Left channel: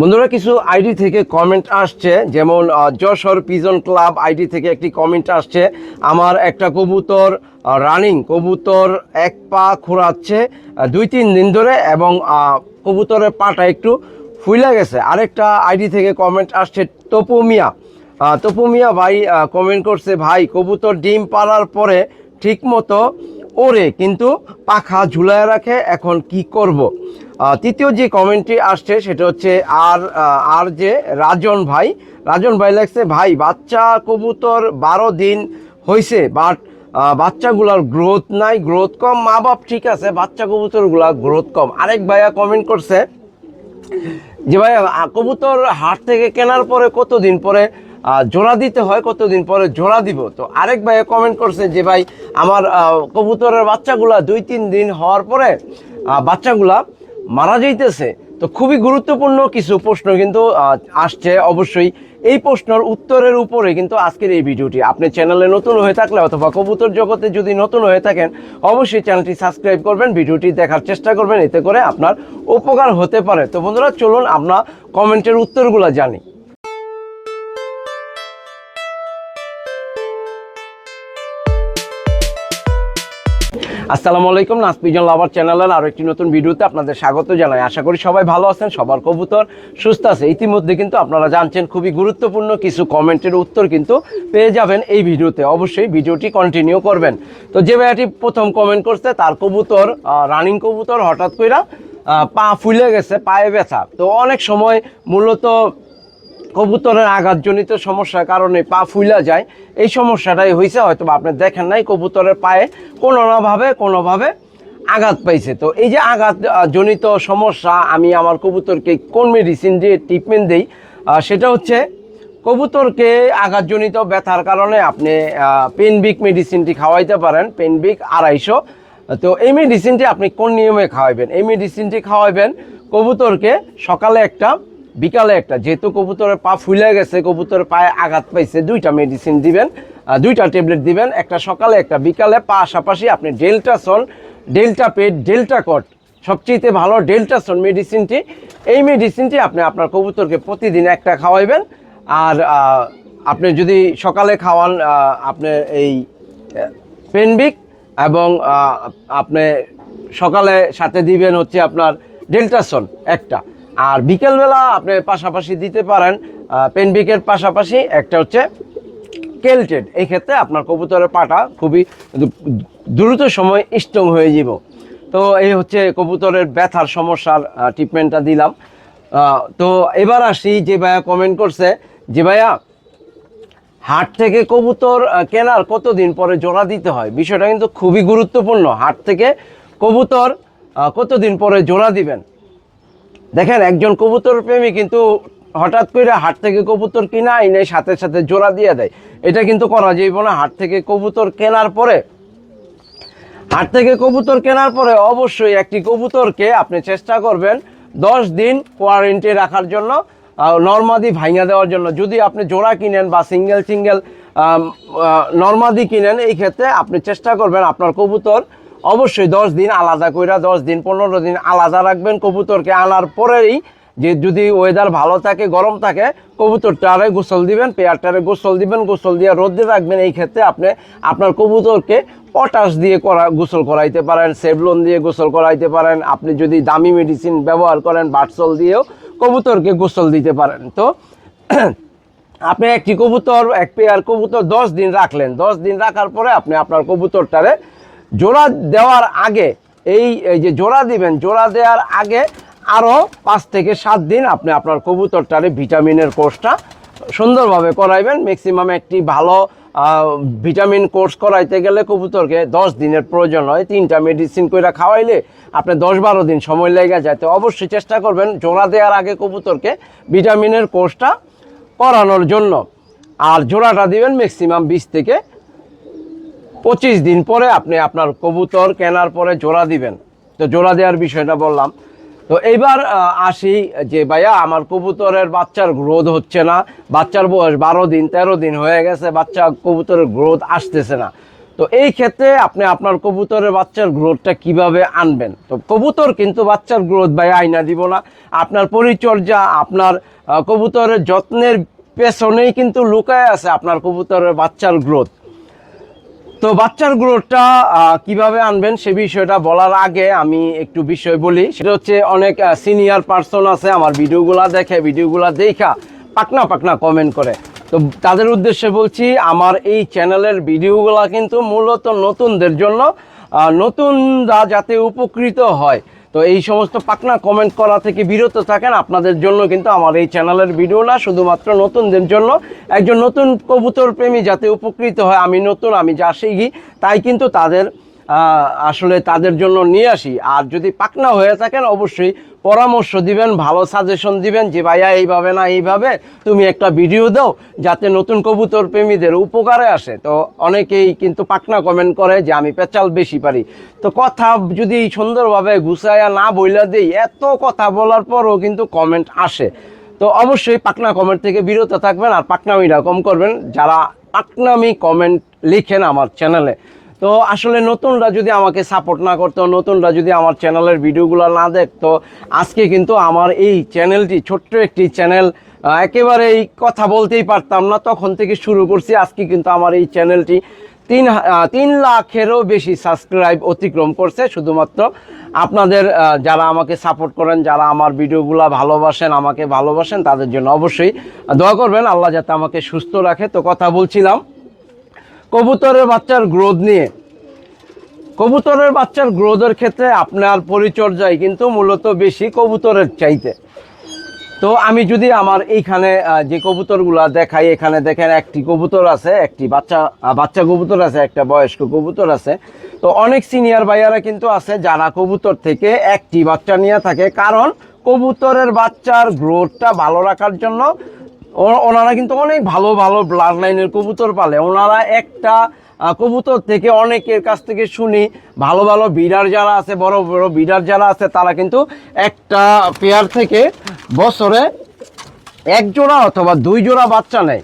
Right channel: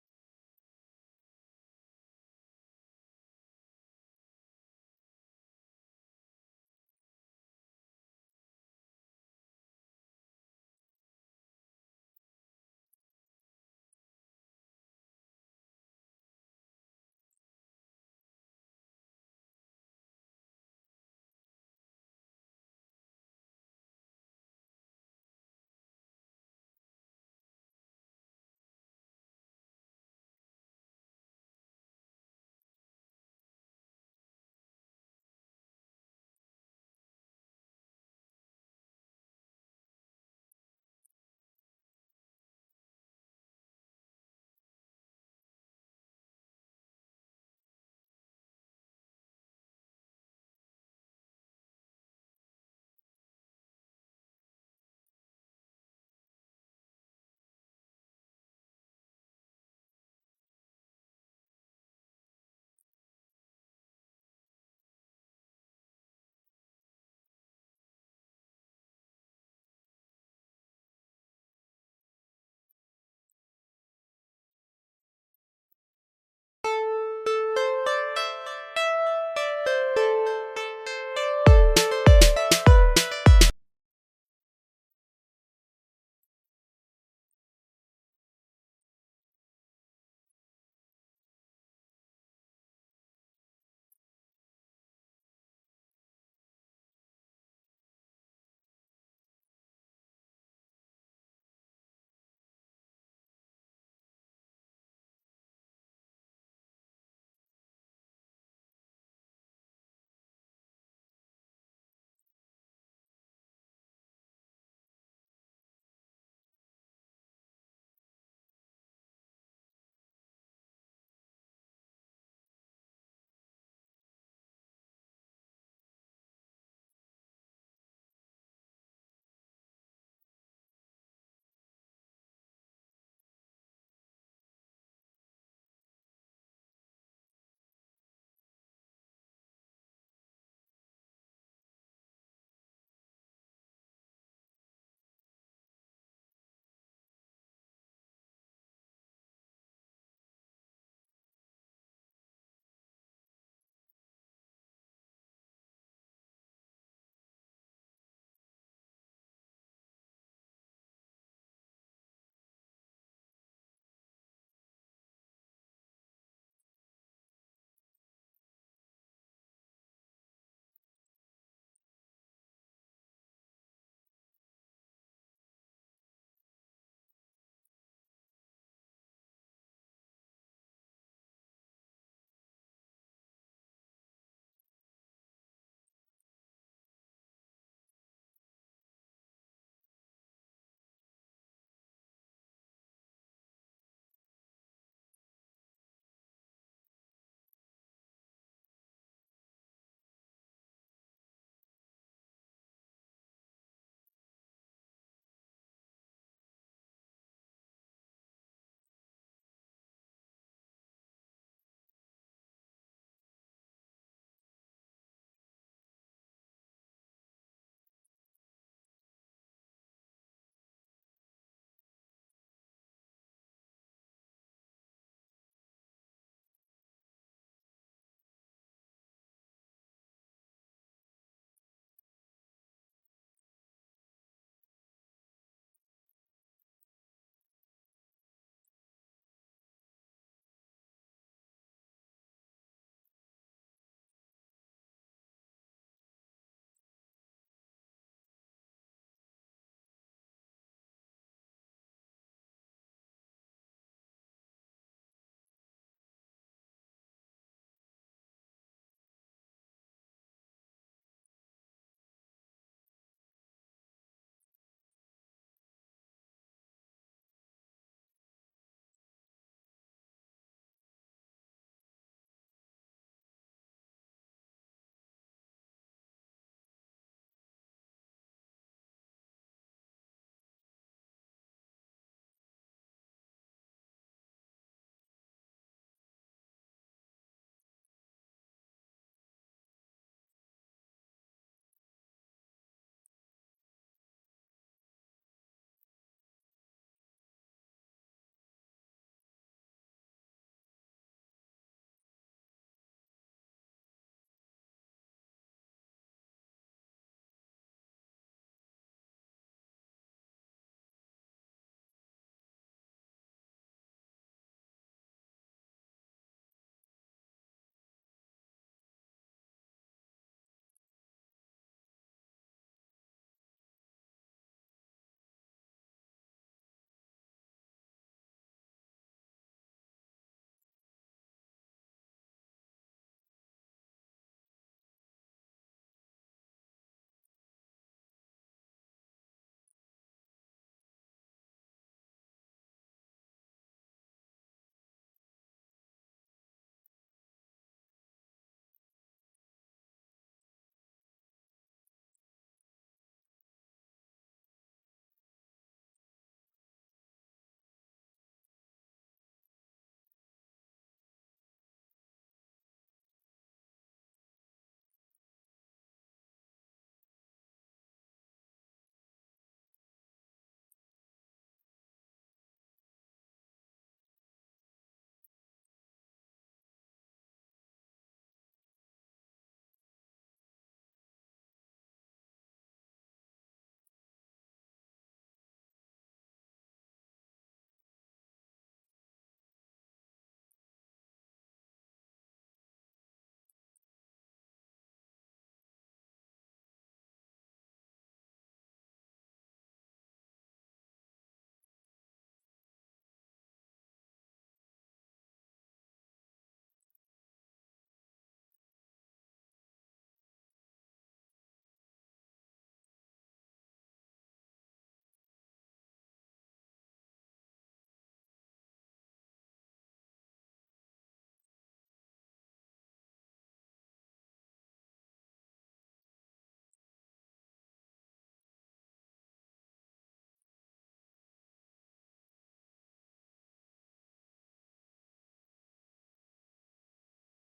বন্ধুরা, কিছু আইডি থেকে কমেন্ট আসছে। যেমন যশোর পিজন ক্লাব আইডি থেকে একটি কমেন্ট আসছে। আমার একটা কবুতর রানিং কবুতর এক পা খোঁড়াচ্ছে দুই তিন দিন ধরে এবং কবুতরের পাটা একটু ফুইলা গেছে। আরেকটা আইডি থেকে কমেন্ট আসছে তপু মিয়া তপু মিয়া ভাই কমেন্ট করছে, ভাই, কবুতর ডিম পাড়ার পরে ঠিক মতো ওরে কিন্তু পাখা ঝুলায় রাখে, এখন কি করব? তৃতীয় যে কমেন্টটি আসছে সেটা হচ্ছে আর আর যে রাজন ভাই। রাজন ভাই লাগছে ভাই, বাচ্চা কবুতর বারো দিন হয়েছে বাট বাচ্চাগুলার গ্রোথ নাই গ্রোথ কম মা বাপ ঠিক আছে, বাচ্চা কবুতরগুলা গ্রোথ কম। আরেক ভাইয়া কমেন্ট করছে, যে ভাই কবুতর হাট থেকে কেনার পরে কতদিন পরে জোড়া দিতে হয়, কতদিন পরে জোড়া দিব? তো আরেক ভাই কমেন্ট করছে, যে ভাই, আমার কবুতরের বাচ্চাগুলা দুই তিন দিন হওয়ার পরে বাচ্চাগুলা মারা যাইতেছে, তো খুবই গুরুত্বপূর্ণ কিছু প্রশ্ন কিন্তু আসছে অবশ্যই। এই প্রশ্নের উত্তরের উপরে কিন্তু আজকের এই ভিডিওটি। আপনি চ্যানেলে নতুন হয়ে থাকলে অথবা কবুতর জগতে যদি নতুন হয়ে থাকেন, অবশ্যই চ্যানেলটি সাবস্ক্রাইব করবেন, ভিডিওটি দেখার চেষ্টা করবেন, এতে করে আপনার উপকার হতে পারে। তো বন্ধুরা, চলুন আমরা কমেন্টের উত্তরগুলো জানি। আসসালামু আলাইকুম নাসপিজন লাভার চ্যানেলের আরও একটি নতুন ভিডিওতে আপনাদের স্বাগত জানাই। আশা করি সবাই ভালো আছেন, সবার কবুতর সুস্থ আছে। ইতিমধ্যে কিন্তু আপনারা জানছেন খুবই গুরুত্বপূর্ণ কিছু কমেন্টের উত্তর কিন্তু পেয়ে যাবেন এই ভিডিওতে। অবশ্যই ভিডিওটি কন্টিনিউ করবেন। তো যে ভাইয়াটি প্রথম কমেন্ট করছে, তার কবুতর রানিং কবুতর হঠাৎ করে পা ফুলে গেছে, পায়ে ব্যথা। তো অনেক সময় মূলত কবুতরের আঘাতজনিত সমস্যার কারণে পা ফুইলা যায়। এই সমস্যাটাই হয়েছে হয়তো আপনি দেখেন নাই, কবুতরের পায়ে কোনো না ভাবে কোনোভাবে আঘাত পাইছে। তো এই যে আঘাত জনিত সমস্যা, আমি আমার কবুতরকে কোন মেডিসিন দিয়ে ট্রিটমেন্ট দিই সেটা হচ্ছে কবুতরকে আঘাতজনিত ব্যথার কারণে আপনি পেনবিক মেডিসিনটি খাওয়াইতে পারেন পেনবিক আড়াইশো। তো এই মেডিসিনটি আপনি কোন নিয়মে খাওয়াবেন এই মেডিসিনটি খাওয়াবেন কবুতরকে সকালে একটা বিকালে একটা, যেহেতু কবুতরের পা ফুলে গেছে, কবুতরের পায়ে আঘাত পাইছে, দুইটা মেডিসিন দিবেন দুইটা ট্যাবলেট দিবেন, একটা সকালে, একটা বিকালে। পাশাপাশি আপনি ডেল্টাসন ডেল্টা পেট ডেল্টা কট সবচেয়ে ভালো ডেল্টাসন মেডিসিনটি এই মেডিসিনটি আপনি আপনার কবুতরকে প্রতিদিন একটা খাওয়াইবেন। আর আপনি যদি সকালে খাওয়ান আপনি এই পেনবিক এবং আপনি সকালে সাথে দিবেন হচ্ছে আপনার ডেল্টাসন একটা। আর বিকেলবেলা আপনি পাশাপাশি দিতে পারেন পেনবিকের পাশাপাশি একটা হচ্ছে কেলটেড এই ক্ষেত্রে আপনার কবুতরের পাটা খুবই দ্রুত সময় স্ট্রং হয়ে যাব তো এই হচ্ছে কবুতরের ব্যথার সমস্যার ট্রিটমেন্টটা দিলাম। তো এবার আসি যে ভাইয়া কমেন্ট করছে যে ভাইয়া, হাট থেকে কবুতর কেনার কতদিন পরে জোড়া দিতে হয়? বিষয়টা কিন্তু খুবই গুরুত্বপূর্ণ। হাট থেকে কবুতর কতদিন পরে জোড়া দিবেন? দেখেন, একজন কবুতর প্রেমী কিন্তু হঠাৎ করে হাট থেকে কবুতর কিনা এনে সাথে সাথে জোড়া দিয়ে দেয়। এটা কিন্তু করা যাইব না। হাট থেকে কবুতর কেনার পরে, হাট থেকে কবুতর কেনার পরে অবশ্যই একটি কবুতরকে আপনি চেষ্টা করবেন দশ দিন কোয়ারেন্টি রাখার জন্য নর্মাদি ভাঙা দেওয়ার জন্য। যদি আপনি জোড়া কিনেন বা সিঙ্গেল সিঙ্গেল নর্মাদি কিনেন, এই ক্ষেত্রে আপনি চেষ্টা করবেন আপনার কবুতর অবশ্যই দশ দিন আলাদা কইরা, দশ দিন, পনেরো দিন আলাদা রাখবেন কবুতরকে। আনার পরেই যে যদি ওয়েদার ভালো থাকে, গরম থাকে, কবুতরটারে গোসল দিবেন, পেয়ারটারে গোসল দিবেন, গোসল দিয়ে রোদে রাখবেন। এই ক্ষেত্রে আপনি আপনার কবুতরকে পটাশ দিয়ে করা, গোসল করাইতে পারেন, সেভলন দিয়ে গোসল করাইতে পারেন। আপনি যদি দামি মেডিসিন ব্যবহার করেন, বাটসল দিয়েও কবুতরকে গোসল দিতে পারেন। তো আপনি একটি কবুতর, এক পেয়ার কবুতর দশ দিন রাখলেন। দশ দিন রাখার পরে আপনি আপনার কবুতরটারে জোড়া দেওয়ার আগে, এই যে জোড়া দিবেন, জোড়া দেওয়ার আগে আরও পাঁচ থেকে সাত দিন আপনি আপনার কবুতরটারে ভিটামিনের কোর্সটা সুন্দরভাবে করাইবেন। ম্যাক্সিমাম একটি ভালো ভিটামিন কোর্স করাইতে গেলে কবুতরকে দশ দিনের প্রয়োজন হয়। তিনটা মেডিসিন করে খাওয়াইলে আপনি দশ বারো দিন সময় লেগে যায়। তো অবশ্যই চেষ্টা করবেন জোড়া দেওয়ার আগে কবুতরকে ভিটামিনের কোর্সটা করানোর জন্য। আর জোড়াটা দিবেন ম্যাক্সিমাম বিশ থেকে পঁচিশ দিন পরে আপনি আপনার কবুতর কেনার পরে জোড়া দিবেন। তো জোড়া দেওয়ার বিষয়টা বললাম। তো এইবার আসি যে ভাইয়া, আমার কবুতরের বাচ্চার গ্রোথ হচ্ছে না। বাচ্চার বয়স বারো দিন, তেরো দিন হয়ে গেছে, বাচ্চা কবুতরের গ্রোথ আসতেছে না। তো এই ক্ষেত্রে আপনি আপনার কবুতরের বাচ্চার গ্রোথটা কীভাবে আনবেন? তো কবুতর কিন্তু বাচ্চার গ্রোথ ভাই আইনা দিব না। আপনার পরিচর্যা, আপনার কবুতরের যত্নের পেছনেই কিন্তু লুকায় আছে আপনার কবুতরের বাচ্চার গ্রোথ। তো বাচ্চার গ্রোথটা কীভাবে আনবেন সে বিষয়টা বলার আগে আমি একটু বিষয় বলি। সেটা হচ্ছে অনেক সিনিয়র পার্সন আছে, আমার ভিডিওগুলা দেখে, ভিডিওগুলা দেখা, পাকনা পাকনা কমেন্ট করে। তো তাদের উদ্দেশ্যে বলছি, আমার এই চ্যানেলের ভিডিওগুলা কিন্তু মূলত নতুনদের জন্য নতুন নতুনরা যাতে উপকৃত হয়। তো এই সমস্ত পাকনা কমেন্ট করা থেকে বিরত থাকেন। আপনাদের জন্য কিন্তু আমার এই চ্যানেলের ভিডিও না, শুধুমাত্র নতুনদের জন্য। একজন নতুন কবুতর প্রেমী যাতে উপকৃত হয়, আমি নতুন, আমি যা শিখি, তাই কিন্তু তাদের আসলে তাদের জন্য নিয়ে আসি। আর যদি পাকনা হয়ে থাকেন, অবশ্যই পরামর্শ দিবেন, ভালো সাজেশন দিবেন যে, ভাইয়া, এইভাবে না, এইভাবে তুমি একটা ভিডিও দাও যাতে নতুন কবুতর প্রেমীদের উপকারে আসে। তো অনেকেই কিন্তু পাকনা কমেন্ট করে যে, আমি পেঁচাল বেশি পারি। তো কথা যদি সুন্দরভাবে গুছাইয়া না বইলা দেই, এত কথা বলার পরও কিন্তু কমেন্ট আসে। তো অবশ্যই পাকনা কমেন্ট থেকে বিরত থাকবেন আর পাকনামিটা কম করবেন। যারা পাকনামি কমেন্ট লিখেন আমার চ্যানেলে তো আসলে নতুনরা যদি আমাকে সাপোর্ট না করতো, নতুনরা যদি আমার চ্যানেলের ভিডিওগুলো না দেখতো, আজকে কিন্তু আমার এই চ্যানেলটি ছোট্ট একটি চ্যানেল একেবারে এই কথা বলতেই পারতাম না। তখন থেকে শুরু করছি, আজকে কিন্তু আমার এই চ্যানেলটি তিন তিন লাখেরও বেশি সাবস্ক্রাইব অতিক্রম করছে। শুধুমাত্র আপনাদের যারা আমাকে সাপোর্ট করেন, যারা আমার ভিডিওগুলো ভালোবাসেন, আমাকে ভালোবাসেন, তাদের জন্য অবশ্যই দোয়া করবেন। আল্লাহ যাতে আমাকে সুস্থ রাখে। তো কথা বলছিলাম। কবুতরের বাচ্চার গ্রোথ নিয়ে। কবুতরের বাচ্চার গ্রোথের ক্ষেত্রে আপনার পরিচর্যায় কিন্তু মূলত বেশি কবুতরের চাইতে। তো আমি যদি আমার এইখানে যে কবুতরগুলা দেখাই, এখানে দেখেন একটি কবুতর আছে, একটি বাচ্চা বাচ্চা কবুতর আছে, একটা বয়স্ক কবুতর আছে। তো অনেক সিনিয়র ভাইয়ারা কিন্তু আছে যারা কবুতর থেকে একটি বাচ্চা নিয়ে থাকে, কারণ কবুতরের বাচ্চার গ্রোথটা ভালো রাখার জন্য ওনারা কিন্তু অনেক ভালো ভালো ব্লাড লাইনের কবুতর পালে। ওনারা একটা কবুতর থেকে অনেকের কাছ থেকে শুনি, ভালো ভালো বিডার যারা আছে, বড় বড় বিডার যারা আছে, তারা কিন্তু একটা পেয়ার থেকে বছরে এক জোড়া অথবা দুই জোড়া বাচ্চা নেয়।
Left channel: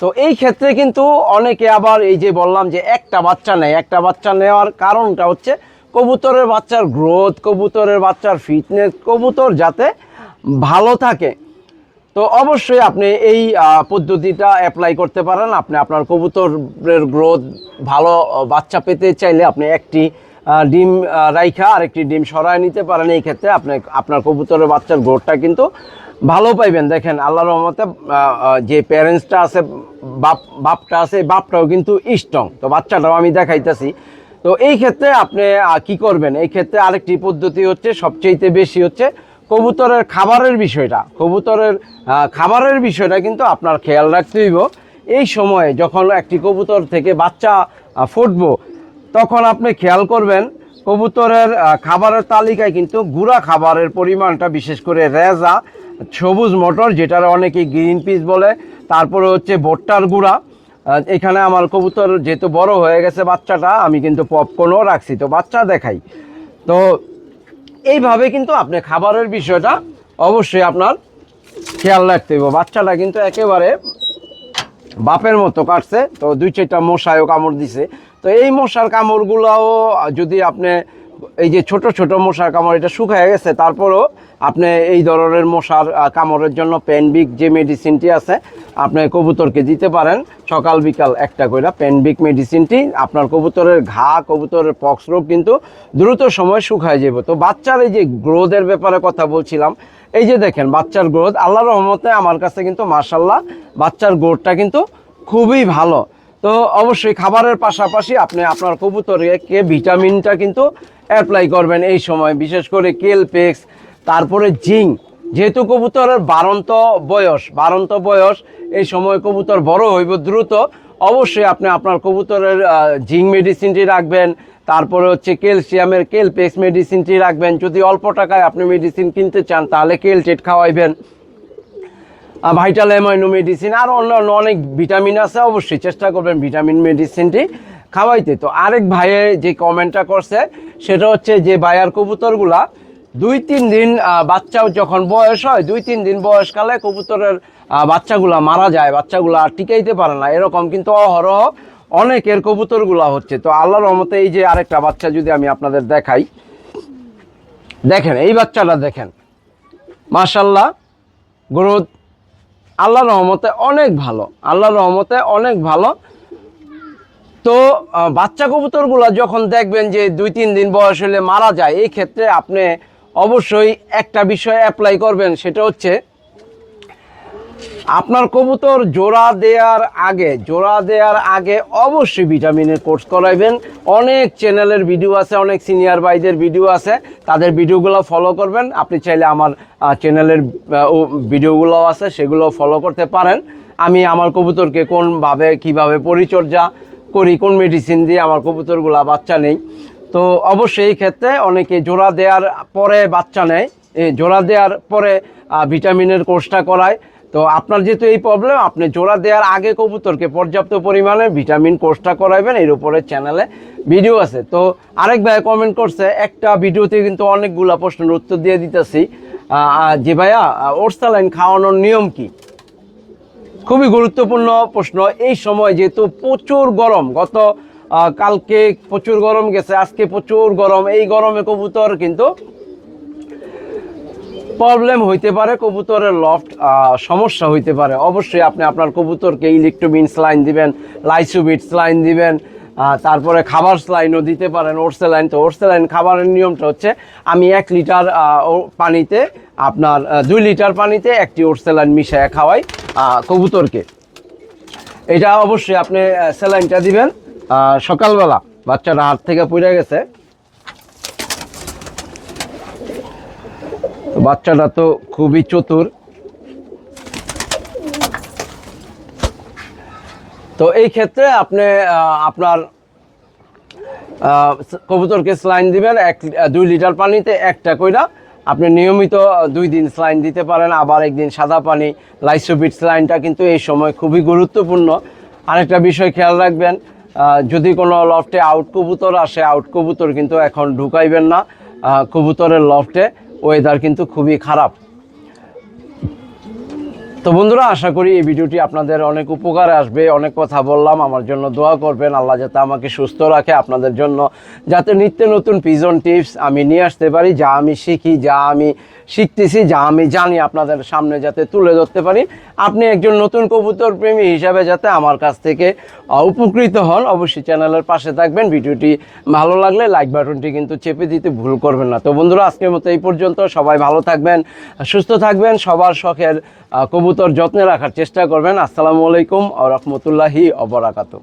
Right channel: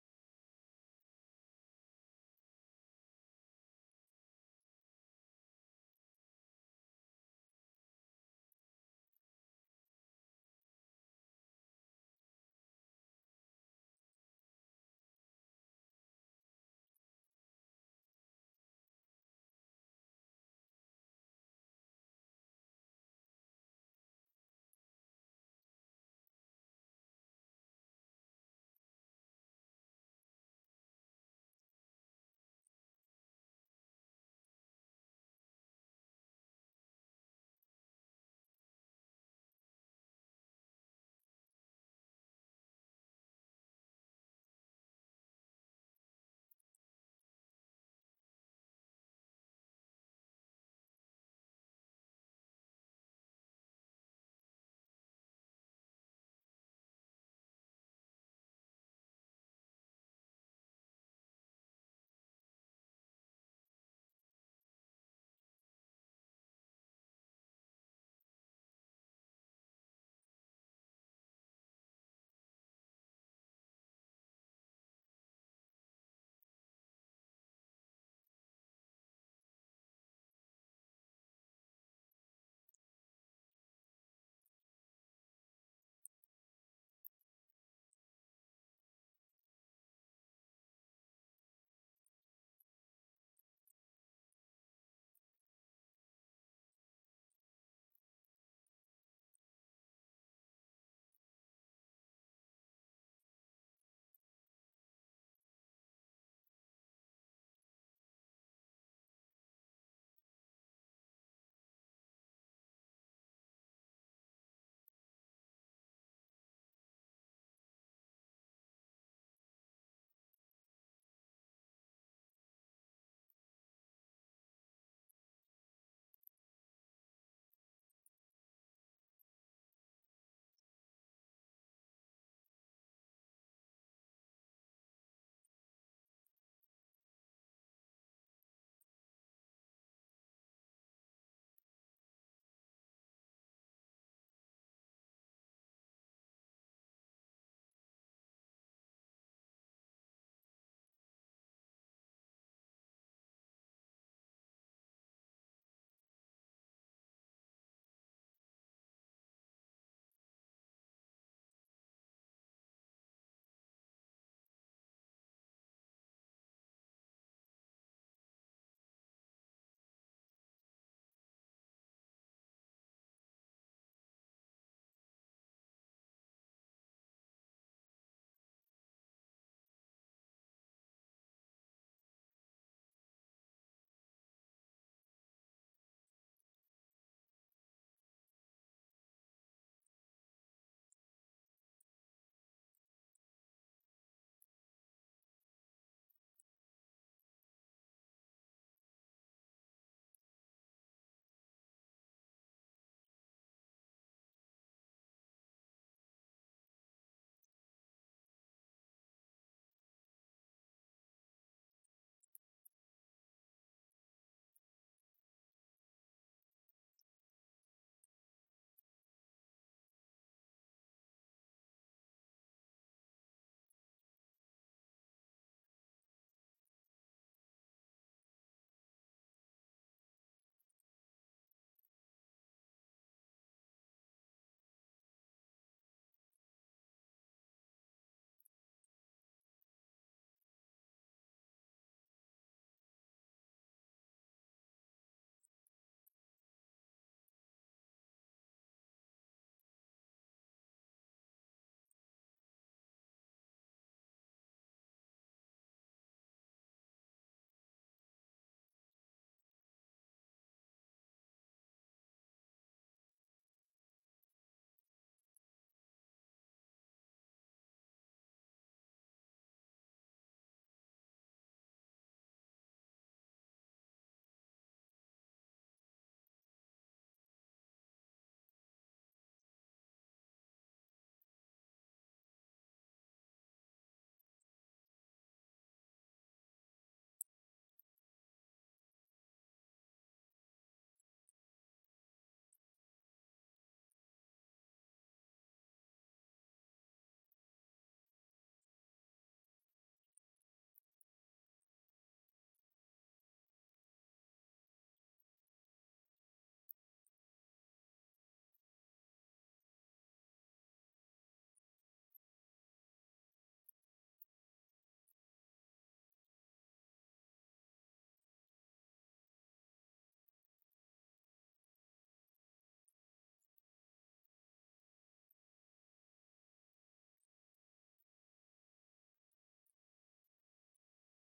তো এই ক্ষেত্রে কিন্তু অনেকে আবার এই যে বললাম যে একটা বাচ্চা নেয়। একটা বাচ্চা নেওয়ার কারণটা হচ্ছে কবুতরের বাচ্চার গ্রোথ কবুতরের বাচ্চার ফিটনেস কবুতর যাতে ভালো থাকে। তো অবশ্যই আপনি এই পদ্ধতিটা অ্যাপ্লাই করতে পারেন। আপনি আপনার কবুতরের গ্রোথ ভালো বাচ্চা পেতে চাইলে আপনি একটি ডিম রাইখা আর একটি ডিম সরায় নিতে পারেন। এই ক্ষেত্রে আপনি, আপনার কবুতরের বাচ্চার গ্রোথটা কিন্তু ভালো পাইবেন। দেখেন আল্লাহ রহমতে যে প্যারেন্টসটা আছে, বাপ, বাপটা আছে বাপটাও কিন্তু স্ট্রং তো বাচ্চাটাও আমি দেখাইতেছি। তো এই ক্ষেত্রে আপনি কি করবেন? এই ক্ষেত্রে আরেকটি পদ্ধতি হচ্ছে সবচেয়ে বেশি হচ্ছে কবুতরের খাবারের বিষয়টা, কবুতরের খাবারের বিষয়টা কিন্তু আপনার খেয়াল রাখতে হইব। এই সময়ে যখন একটি কবুতর থেকে বাচ্চা ফুটবো, তখন আপনি খেয়াল করবেন, কবুতরের খাবারের তালিকায় কিন্তু গুঁড়া খাবারের পরিমাণটা, বিশেষ করে রেজা, সবুজ মটর, যেটার অনেকে গ্রিন পিস বলে, তারপরে হচ্ছে ভুট্টার গুঁড়া এখানে আমার কবুতর যেহেতু বড় হয়ে গেছে বাচ্চাটা, আমি কিন্তু পপকর্নও রাখছি। তো বাচ্চা দেখাই। তো এইভাবে কিন্তু আপনি খাবারের বিষয়টা অবশ্যই আপনার খেয়াল রাখতে হবে। বাচ্চাটা কিন্তু একেবারে বাপের মতো কাটছে, তো দুই চারটা মশায়ও কামড় দিছে। তো এই মশার কামড়গুলোও যদি আপনি এই যে ছোট ছোট মশার কামড়, এটা শুকায় গেছে, তারপরও আপনি এই ধরনের মশার কামড়ের জন্য পেনবিক যে মেডিসিনটি আছে, আপনি কবুতরকে দিতে পারেন। সকাল বিকাল একটা করে পেনবিক মেডিসিনটি আপনার কবুতরের ঘা, কবুতরের পক্স রোগ কিন্তু দ্রুত সময় শুকায় যাবে। তো বাচ্চার এই যে গ্রোথের ব্যাপারে কথা বলছিলাম, এই যে দেখেন বাচ্চার গ্রোথ আল্লাহ রহমতে আমার কাছে কিন্তু মার্শাল্লাহ বাচ্চার গ্রোথটা কিন্তু খুবই ভালো। তো অবশ্যই খাবারের পাশাপাশি আপনি আপনার কবুতরকে ভিটামিনটা কিন্তু অ্যাপ্লাই করবেন এই সময়। বিশেষ করে কেলপেক্স তারপরে জিং। যেহেতু কবুতরের বারন্ত বয়স বারন্ত বয়স, এই সময় কবুতর বড় হইব দ্রুত, অবশ্যই আপনি আপনার কবুতরের জিঙ্ক মেডিসিনটি রাখবেন। তারপরে হচ্ছে ক্যালসিয়ামের কেলপেক্স মেডিসিনটি রাখবেন। যদি অল্প টাকায় আপনি মেডিসিন কিনতে চান, তাহলে কেলটেট খাওয়াইবেন। ভাইটাল অ্যামাইনো মেডিসিন, আর অন্য অন্য অনেক ভিটামিন আছে, অবশ্যই চেষ্টা করবেন ভিটামিন মেডিসিনটি খাওয়াইতে। তো আরেক ভাইয়ে যে কমেন্টটা করছে, সেটা হচ্ছে যে ভাইয়ার কবুতরগুলা দুই তিন দিন বাচ্চা যখন বয়স হয় দুই তিন দিন বয়সকালে কবুতরের বাচ্চাগুলা মারা যায়, বাচ্চাগুলা আর টিকাইতে পারে না। এরকম কিন্তু অহরহ অনেকের কবুতরগুলা হচ্ছে। তো আল্লাহর রহমতে এই যে আরেকটা বাচ্চা যদি আমি আপনাদের দেখাই, দেখেন, এই বাচ্চাটা দেখেন। মাশাল্লাহ গ্রোথ আল্লাহর রহমতে অনেক ভালো, আল্লাহর রহমতে অনেক ভালো। তো বাচ্চা কবুতরগুলো যখন দেখবেন যে দুই তিন দিন বয়স হলে মারা যায়, এই ক্ষেত্রে আপনি অবশ্যই একটা বিষয় অ্যাপ্লাই করবেন, সেটা হচ্ছে আপনার কবুতর জোড়া দেওয়ার আগে, জোড়া দেওয়ার আগে অবশ্যই ভিটামিনের কোর্স করাইবেন। অনেক চ্যানেলের ভিডিও আছে, অনেক সিনিয়র ভাইদের ভিডিও আছে, তাদের ভিডিওগুলো ফলো করবেন। আপনি চাইলে আমার চ্যানেলের ভিডিওগুলো আছে, সেগুলো ফলো করতে পারেন। আমি আমার কবুতরকে কোনভাবে, কীভাবে পরিচর্যা করি, কোন মেডিসিন দিয়ে আমার কবুতরগুলা বাচ্চা নেই তো অবশ্যই এই ক্ষেত্রে অনেকে জোড়া দেওয়ার পরে বাচ্চা নেয়। জোড়া দেওয়ার পরে ভিটামিনের কোর্সটা করায়। তো আপনার যেহেতু এই প্রবলেম আপনি জোড়া দেওয়ার আগে কবুতরকে পর্যাপ্ত পরিমাণে ভিটামিন কোর্সটা করাবেন এর উপরে চ্যানেলে ভিডিও আছে। তো আরেক ভাই কমেন্ট করছে, একটা ভিডিওতে কিন্তু অনেকগুলা প্রশ্নের উত্তর দিয়ে দিতেছি। যে ভাইয়া ওরসালাইন খাওয়ানোর নিয়ম কি? খুবই গুরুত্বপূর্ণ প্রশ্ন। এই সময় যেহেতু প্রচুর গরম, গত কালকে প্রচুর গরম গেছে, আজকে প্রচুর গরম। এই গরমে কবুতর কিন্তু প্রবলেম হইতে পারে, কবুতরের লফট সমস্যা হইতে পারে। অবশ্যই আপনি আপনার কবুতরকে ইলেকট্রোবিন স্লাইন দিবেন লাইসোবিট স্লাইন দিবেন তারপরে খাবার স্লাইনও দিতে পারেন ওরসেলাইন তো ওরসেলাইন খাবারের নিয়মটা হচ্ছে, আমি এক লিটার পানিতে আপনার দুই লিটার পানিতে একটি ওরসেলাইন মিশিয়ে খাওয়াই কবুতরকে। এটা অবশ্যই আপনি স্যালাইনটা দিবেন। সকালবেলা বাচ্চাটা হাত থেকে পড়ে গেছে। বাচ্চাটা তো খুবই চতুর। তো এই ক্ষেত্রে আপনি আপনার কবুতরকে স্লাইন দিবেন, এক দুই লিটার পানিতে একটা কইরা আপনি নিয়মিত দুই দিন স্লাইন দিতে পারেন, আবার একদিন সাদা পানি, লাইসোবিট স্লাইনটা কিন্তু এই সময় খুবই গুরুত্বপূর্ণ। আরেকটা বিষয় খেয়াল রাখবেন যদি কোনো লফটে আউট কবুতর আসে আউট কবুতর কিন্তু এখন ঢুকাইবেন না। কবুতরের লফটে ওয়েদার কিন্তু খুবই খারাপ। তো বন্ধুরা আশা করি এই ভিডিওটি আপনাদের অনেক উপকারে আসবে। অনেক কথা বললাম আমার জন্য দোয়া করবেন। আল্লাহ যাতে আমাকে সুস্থ রাখে আপনাদের জন্য যাতে নিত্য নতুন পিজন টিপস আমি নিয়ে আসতে পারি যা আমি শিখি যা আমি শিখতেছি যা আমি জানি আপনাদের সামনে যাতে তুলে ধরতে পারি। আপনি একজন নতুন কবুতর প্রেমী হিসাবে যাতে আমার কাছ থেকে উপকৃত হন অবশ্যই চ্যানেলের পাশে থাকবেন। ভিডিওটি ভালো লাগলে লাইক বাটনটি কিন্তু চেপে দিতে ভুল করবেন না। তো বন্ধুরা আজকের মতো এই পর্যন্ত। সবাই ভালো থাকবেন সুস্থ থাকবেন সবার শখের আহ, কবুতর যত্নে রাখার চেষ্টা করবেন। আসসালামু আলাইকুম আ রহমতুল্লাহি অবরাকাতু